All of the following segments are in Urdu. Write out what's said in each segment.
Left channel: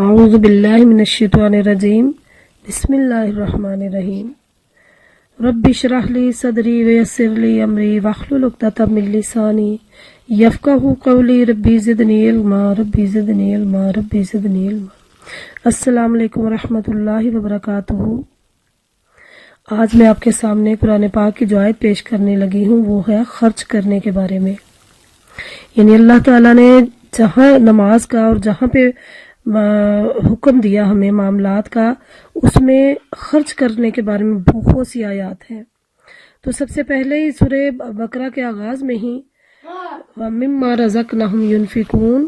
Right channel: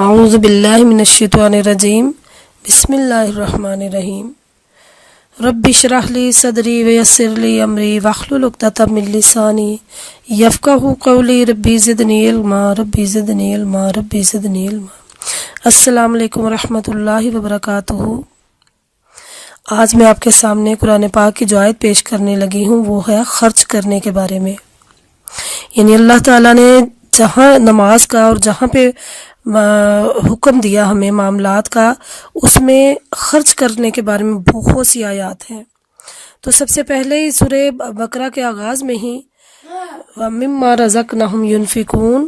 اعوذ باللہ من الشیطان الرجیم بسم اللہ الرحمن الرحیم رب اشرح لی صدری ویسر لی امری واحلل عقدۃ من لسانی یفقہوا قولی ربی زدنی علما ربی زدنی علما ربی زدنی علما۔ السلام علیکم ورحمۃ اللہ وبرکاتہ۔ آج میں آپ کے سامنے قرآن پاک کی جو آیت پیش کرنے لگی ہوں وہ ہے خرچ کرنے کے بارے میں۔ یعنی اللہ تعالیٰ نے جہاں نماز کا اور جہاں پہ حکم دیا ہمیں معاملات کا، اس میں خرچ کرنے کے بارے میں بہت سی آیات ہیں۔ تو سب سے پہلے ہی سورہ بقرہ کے آغاز میں ہی وَمِمَّا رَزَقْنَاهُمْ يُنْفِقُونَ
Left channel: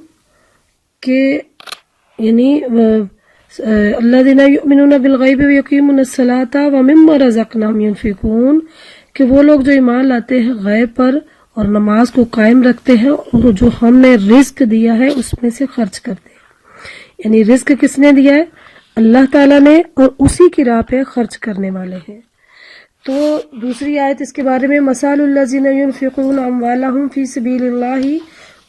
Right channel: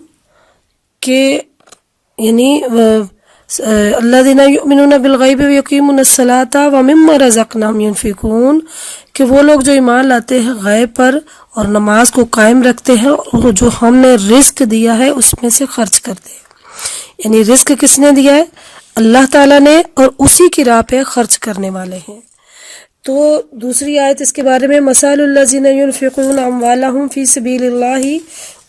کہ یعنی الَّذِينَ يُؤْمِنُونَ بِالْغَيْبِ وَيُقِيمُونَ الصَّلَاةَ وَمِمَّا رَزَقْنَاهُمْ يُنْفِقُونَ کہ وہ لوگ جو ایمان لاتے ہیں غیب پر اور نماز کو قائم رکھتے ہیں اور جو ہم نے رزق دیا ہے اس میں سے خرچ کرتے ہیں۔ یعنی رزق کس نے دیا ہے؟ اللہ تعالیٰ نے، اور اسی کی راہ پہ خرچ کرنے والے ہیں۔ تو دوسری آیت اس کے بارے میں مثال الذین ينفقون اموالهم فی سبیل اللہ،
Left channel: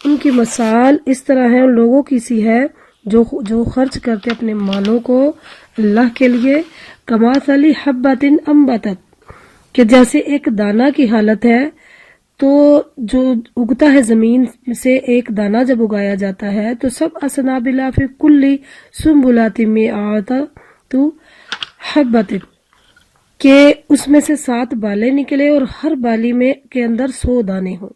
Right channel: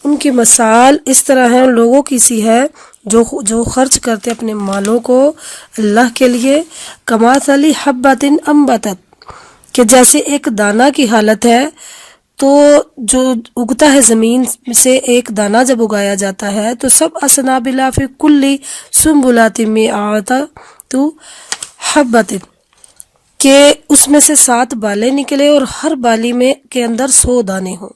ان کی مثال اس طرح ہے، ان لوگوں کی سی ہے جو خرچ کرتے اپنے مالوں کو اللہ کے لیے، کمثل حبۃ انبتت کہ جیسے ایک دانہ کی حالت ہے، تو جو اگتا ہے زمین سے ایک دانہ جب اگایا جاتا ہے تو سب اسنابلا فی کل سنبلات مئات حبۃ کہ اس میں سے 7 بالیں نکلے اور ہر بالی میں کے اندر 100 دانے ہوں۔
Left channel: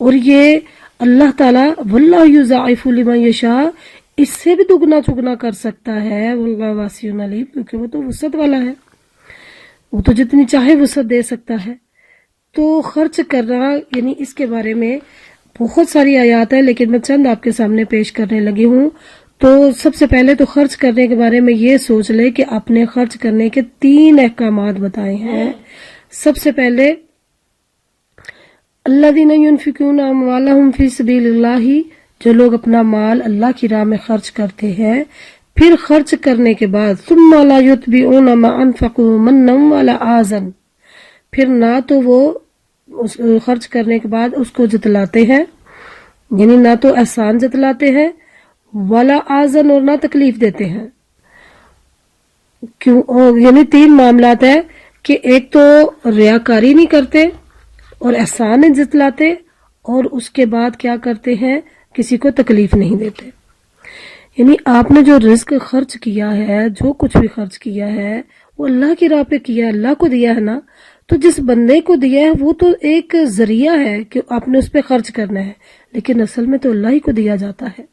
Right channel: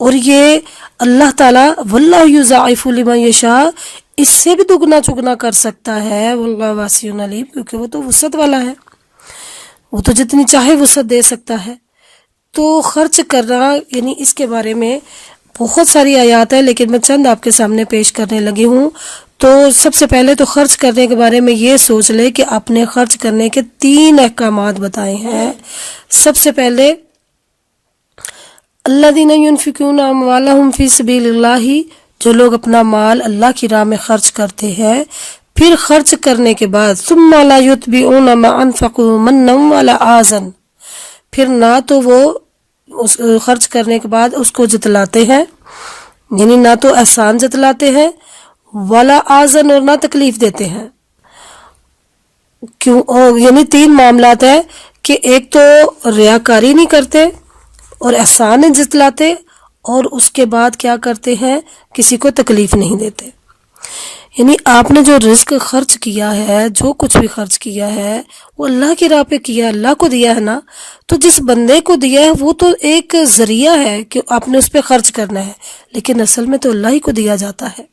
اور یہ اللہ تعالیٰ واللہ یضاعف لمن یشاء، اس سے بھی دگنا چگنا کر سکتا ہے، واللہ واسع علیم، کیونکہ وہ تو وسعت والا ہے، وہ تو جتنی چاہے وسعت دے سکتا ہے۔ تو خرچ کرنا یعنی اس کے بارے میں بہت ساری آیات ہیں، لیکن میں چند آپ کے سامنے پیش کرنے لگی ہوں۔ تو سب سے پہلے تو خرچ کرنے کے بارے میں یہ سوچ لے کہ آپ نے خرچ کرنے کے 3 احکامات بتائے ہیں۔ سب سے پہلے الذین ينفقون اموالهم فی سبیل اللہ، جو لوگ اپنا مال اللہ کی راہ میں خرچ کرتے ہیں، پھر خرچ کرنے کے بعد ثم لا یتبعون ما انفقوا منا ولا اذى، پھر نہ تو وہ اس خرچ کرنے کے بعد اس کو جتلاتے ہیں، یعنی نہ تو احسان جتلاتے ہیں، ولا آزن، اور نہ تکلیف دیتے ہیں۔ کیوں؟ یعنی 3 معاملات ہیں کہ ایک تو ریاکاری نہیں کرتے اور احسان نہیں جتلاتے، اور اس کے بعد کیا کرتے ہیں؟ کسی کو تکلیف نہیں دیتے۔ یعنی آپ نے جو رزق خرچ کیا ہے، جو کچھ بھی خرچ کیا ہے، وہ اللہ کی راہ پہ کیا، اللہ کو دیا ہے نا، تو جس بندے کو دیا ہے وہ تو ایک ذریعہ ہے کہ آپ نے اس پہ خرچ کرنا ہے، لیکن اصل میں تو اللہ ہی کو دیا جاتا ہے۔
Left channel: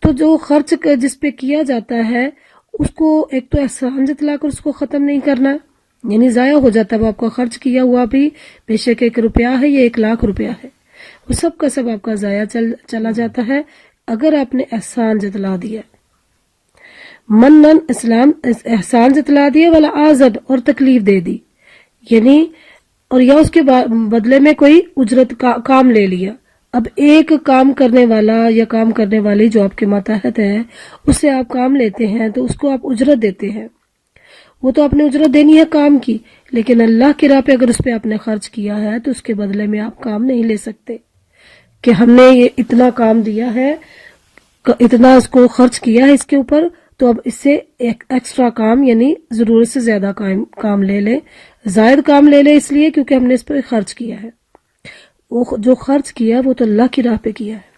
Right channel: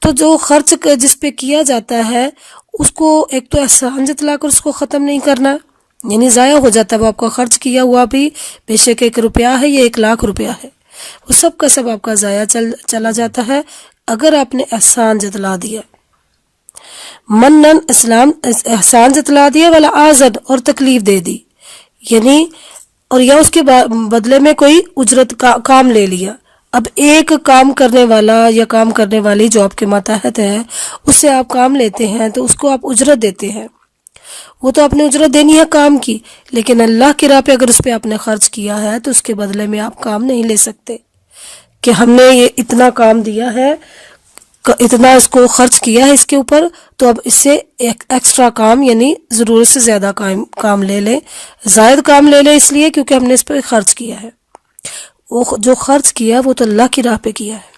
تو جو خرچ جس پہ کیا جاتا ہے اس کو ایک تو احسان جتلا کر اس کو ختم نہیں کرنا، یعنی ضائع ہو جاتا ہے وہ آپ کا خرچ کیا ہوا بھی، بے شک 1 روپیہ ہے یا 1,00,000 روپیہ ہے، وہ سب کا سب آپ کا ضائع چلا جاتا ہے اگر آپ نے احسان جتلا دیا، منن اسلام احسان جتلا دیا، والا آزد، اور تکلیف دے دی، یعنی اور یا اس کے بدلے میں کوئی اجرت کا کام لے لیا۔ اب ایک کام کرنے والا یا کام کرنے والی جو آپ کے ماتحت ہے، اس سے آپ کام لیتے ہیں تو اس کو آپ اجرت دیتے ہیں، وہ تو آپ نے اجرت دینی ہے کام کی، لیکن اللہ کی راہ پہ اگر اس پہ آپ نے خرچ کیا ہے تو اس کے بدلے میں آپ کام نہیں لے سکتے کہ ہم نے یہ اتنا کام دیا ہے، اتنا اس کو خرچ کیا ہے اس کے اوپر، تو اب اس سے ایک ایکسٹرا کام یعنی ضرورت سے زیادہ کام لے لیں، زائد کام لے لیں، اس لیے کیونکہ ہم نے اس پہ خرچ کیا ہے۔ وہ جو خرچ کیا وہ تو اللہ کی راہ پہ کیا ہے،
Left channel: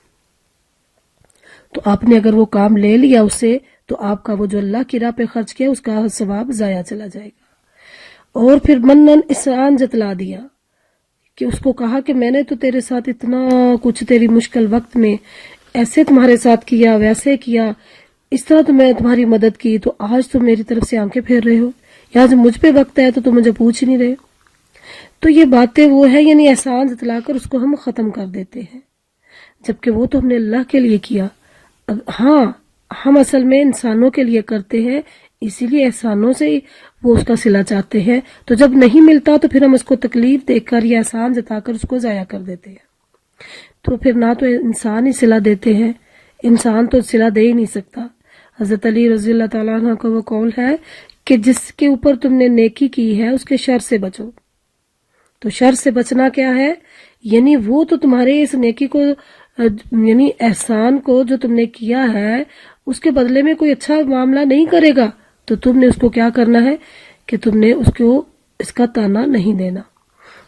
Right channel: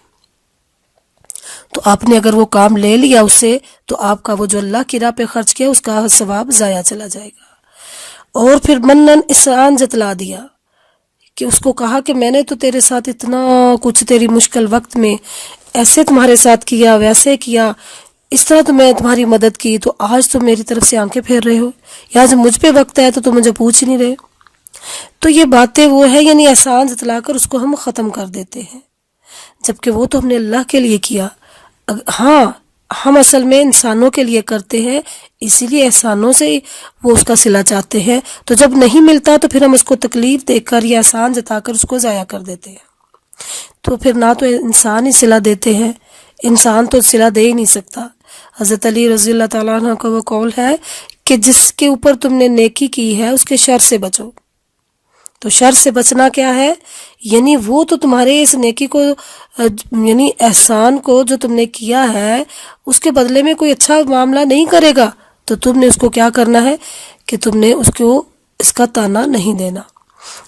تو آپ نے اگر وہ کام لے لیا اس سے، تو آپ کا وہ جو اللہ کی راہ پہ خرچ کیا اس کا ثواب ضائع چلا جائے گا۔ اور پھر منن احسان جتلا دیا کہ اس کو کہا کہ میں نے تو تیرے ساتھ اتنا کچھ تیری مشکل وقت میں ایسے تمہارے ساتھ کیا، ویسے کیا، اس طرح تو میں تمہاری مدد کی، تو آج تو میری طرف سے آنکھیں پھیر رہے ہو، یا جب مجھ پہ وقت ہے تو مجھے پوچھ نہیں رہے۔ تو یہ باتیں وہ ہے، یعنی احسان جتلا کر اس کو ہم ختم کر دیتے ہیں، جبکہ وہ تو ہم نے اللہ کے لیے کیا۔ ہاں، ہم اصل میں انسانوں کے لیے کرتے ہیں، اسی لیے احسانوں سے وہ اس کا صلہ چاہتے ہیں، تو جب نہیں ملتا تو پھر ہم اس کو تکلیف دے کر یا احسان جتا کر اس کو ضائع کر دیتے ہیں۔ تو پھر نہ تو انسان ہی صلہ دیتے ہیں، انسان تو صلہ دے ہی نہیں سکتا۔ حضرت علی رضی اللہ تعالیٰ عنہ کا وہ قول ہے کہ جس کے اوپر تم نے نیکی کی ہے اس کے شر سے بچو، تو شر سے بچنا کیا ہے؟ یعنی وہ تو تمہارے اس نیکی کو یعنی احسان کو جو تم نے کیا ہے اس کے بدلے میں کوئی اچھا معاملہ نہیں کرے گا، تو تم نے اس کو کیا کرنا ہے کہ تم نے اس کو اس کا تانا نہیں دینا۔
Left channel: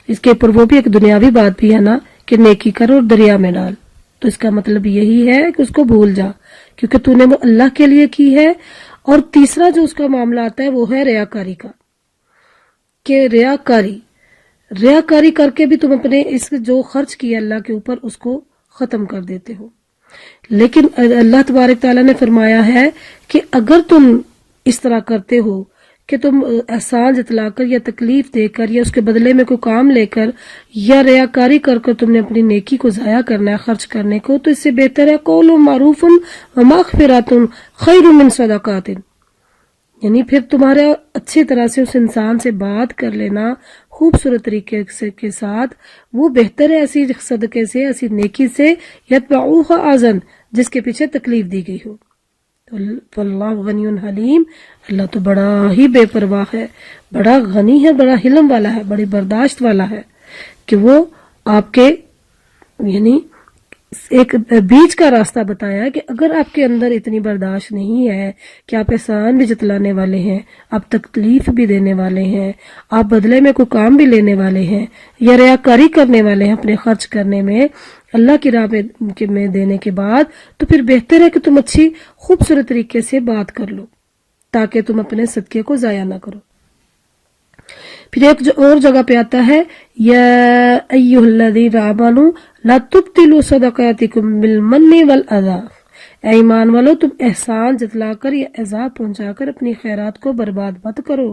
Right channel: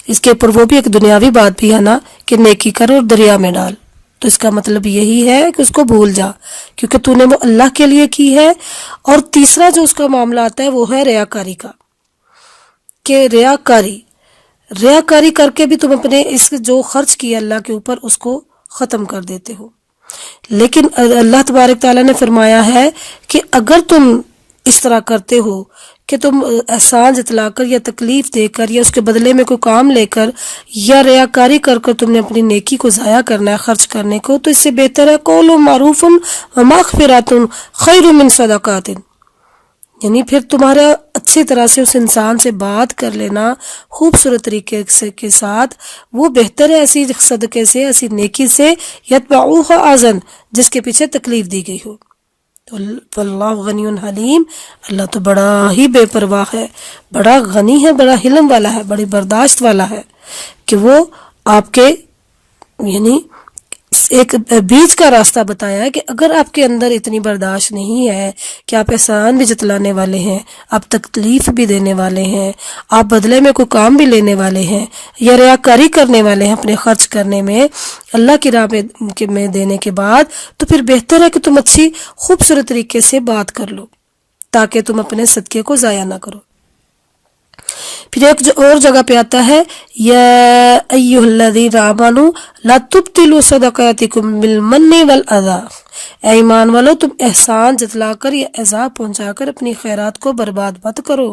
اس کے اوپر وہ بھی ایک دنیاوی بات بھی ہے نا کہ نیکی کر اور دریا میں ڈال، تو اس کا مطلب یہی ہے کہ اس کو بھول جا کیونکہ تو نے وہ اللہ کے لیے کی ہے۔ اور تیسرا جو اس کا معاملہ آتا ہے وہ ہے ریاکاری کا، کہ ریاکاری کر کے بھی تم اپنے اس جو خرچ کیا اللہ کے اوپر اس کو ختم کر دیتے ہو۔ لیکن اللہ تبارک تعالیٰ نے فرمایا ہے کہ اگر تم اس طرح کرتے ہو کہ تم احسان جتلا کر یا تکلیف دے کر یا اس کے بدلے میں کوئی کام لے کر یا ریاکاری کر کر تم نے اپنی نیکی کو ضائع کرنا ہے خرچ کرنے کو، تو اس سے بہتر ہے قول معروف و مغفرات خیر من صدقات، یعنی پھر تمہارا اچھی طرح سے اس انسان سے بات کر لینا خوبصورت طریقے سے کے ساتھ، وہ بہتر ہے ایسی صدقے سے، ایسی نیکی سے یتبعوہ اذن جس کے پیچھے تکلیف دی گئی ہو۔ تو اللہ غنی حلیم، اللہ تو بڑا ہی بے پرواہ ہے، بڑا غنی ہے، بڑا حلم والا ہے، بڑی برداشت والا ہے کہ وہ آپ کے یعنی ایک بیچ کا راستہ بتایا ہے کہ اگر آپ کے اندر اتنی برداشت نہیں ہے کہ آپ احسان بھی جتلانے والے ہیں، آپ تکلیف بھی دینے والے ہیں، آپ بدلے میں کوئی کام بھی لینے والے ہیں یا ریاکاری کرنے والے ہیں اپنے خرچ کرنے میں اللہ کی راہ میں دینے کے بعد، تو پھر بہتر ہے کہ تم اچھی خوبصورت طریقے سے بات کر لو تاکہ تم اپنے صدقے کو ضائع نہ کرو۔ پھر ایک اور جگہ پہ آتا ہے یا ایھا الذین آمنوا لا تبطلوا صدقاتکم بالمن والاذی، اے ایمان والو تم احسان جتلا کر یا ایذا پہنچا کر اپنی خیرات کو برباد مت کرو۔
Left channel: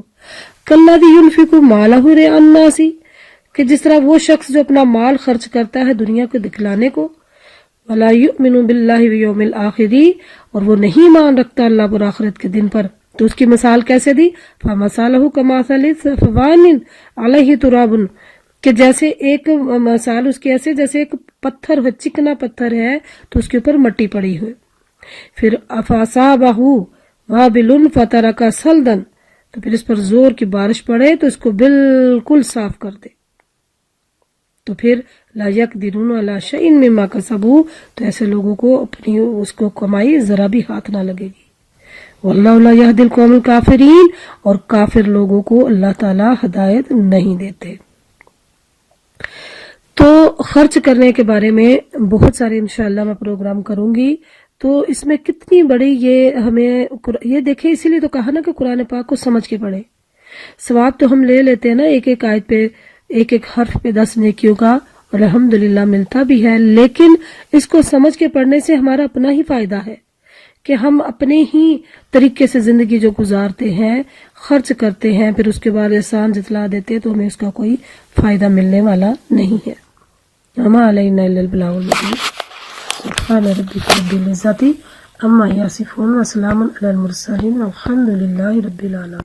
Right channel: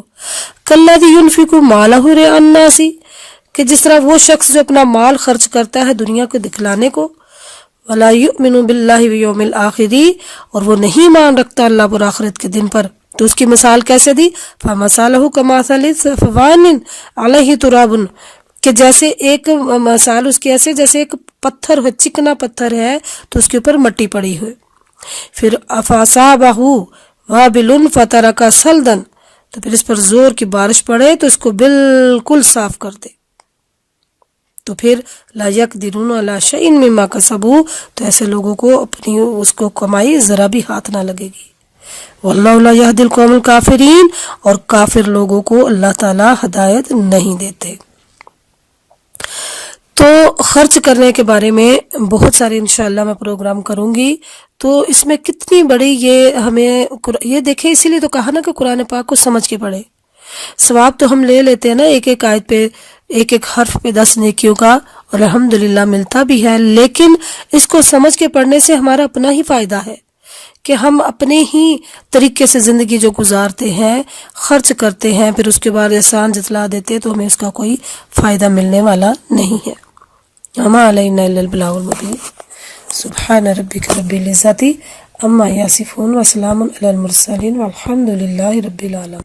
کالذی ينفق مالہ رئاء الناس، کہ جس طرح وہ شخص جو اپنا مال خرچ کرتا ہے دنیا کو دکھلانے کو، ولا یؤمن باللہ والیوم الآخر، اور وہ نہیں ایمان رکھتا اللہ پر آخرت کے دن پر، تو اس کی مثال کیسے دی؟ فَمَثَالُهُ كَمَثَلِ صَفْوَانٍ عَلَيْهِ تُرَابٌ، کہ جیسے ایک مثال اس کی ایسے جیسے ایک پتھر ہے، چکنا پتھر ہے تو اس کے اوپر مٹی پڑی ہوئی، پھر فَأَصَابَهُ وَابِلٌ فَتَرَكَ صَلْدًا، تو پھر اس پر زور کی بارش پڑے تو اس کو بالکل صاف کر دے، تو پھر لا يقدرون علی شیء مما کسبوا، تو ایسے لوگوں کو اپنی اس کو کمائی ذرا بھی ہاتھ نہ لگے گی۔ واللہ لا یہدی القوم الکافرین، اور کافر لوگوں کو اللہ تعالی ہدایت نہیں دیتے۔ تو خرچ کرنے کے بارے میں بہت سارے انشاءاللہ میں پروگرام کروں گی، تو اس میں کتنی بڑی یہ ہمیں یہ دیکھیں، اسی لیے تو کہا نا کہ قرآن پاک کو سمجھ کے پڑھے۔ ثواب تو ہم لے لیتے ہیں نا ایک ایک آیت پہ، ایک ایک حرف پہ 10 نیکیوں کا، اور الحمدللہ ملتا بھی ہے، لیکن اس کو سمجھ کے پڑھنے سے ہمارا اپنا ہی فائدہ ہے کہ ہم اپنے ہی طریقے سے زندگی جو گزارتے ہیں، خرچ کرتے ہیں، پھر اس کے بعد احسان جتلا دیتے ہیں، تو ہمیں اس کا کوئی فائدہ ملنے والا نہیں ہے۔ وما علینا الا البلاغ المبین۔ سبحان ربک رب العزۃ عما یصفون وسلام علی المرسلین والحمد للہ رب العالمین۔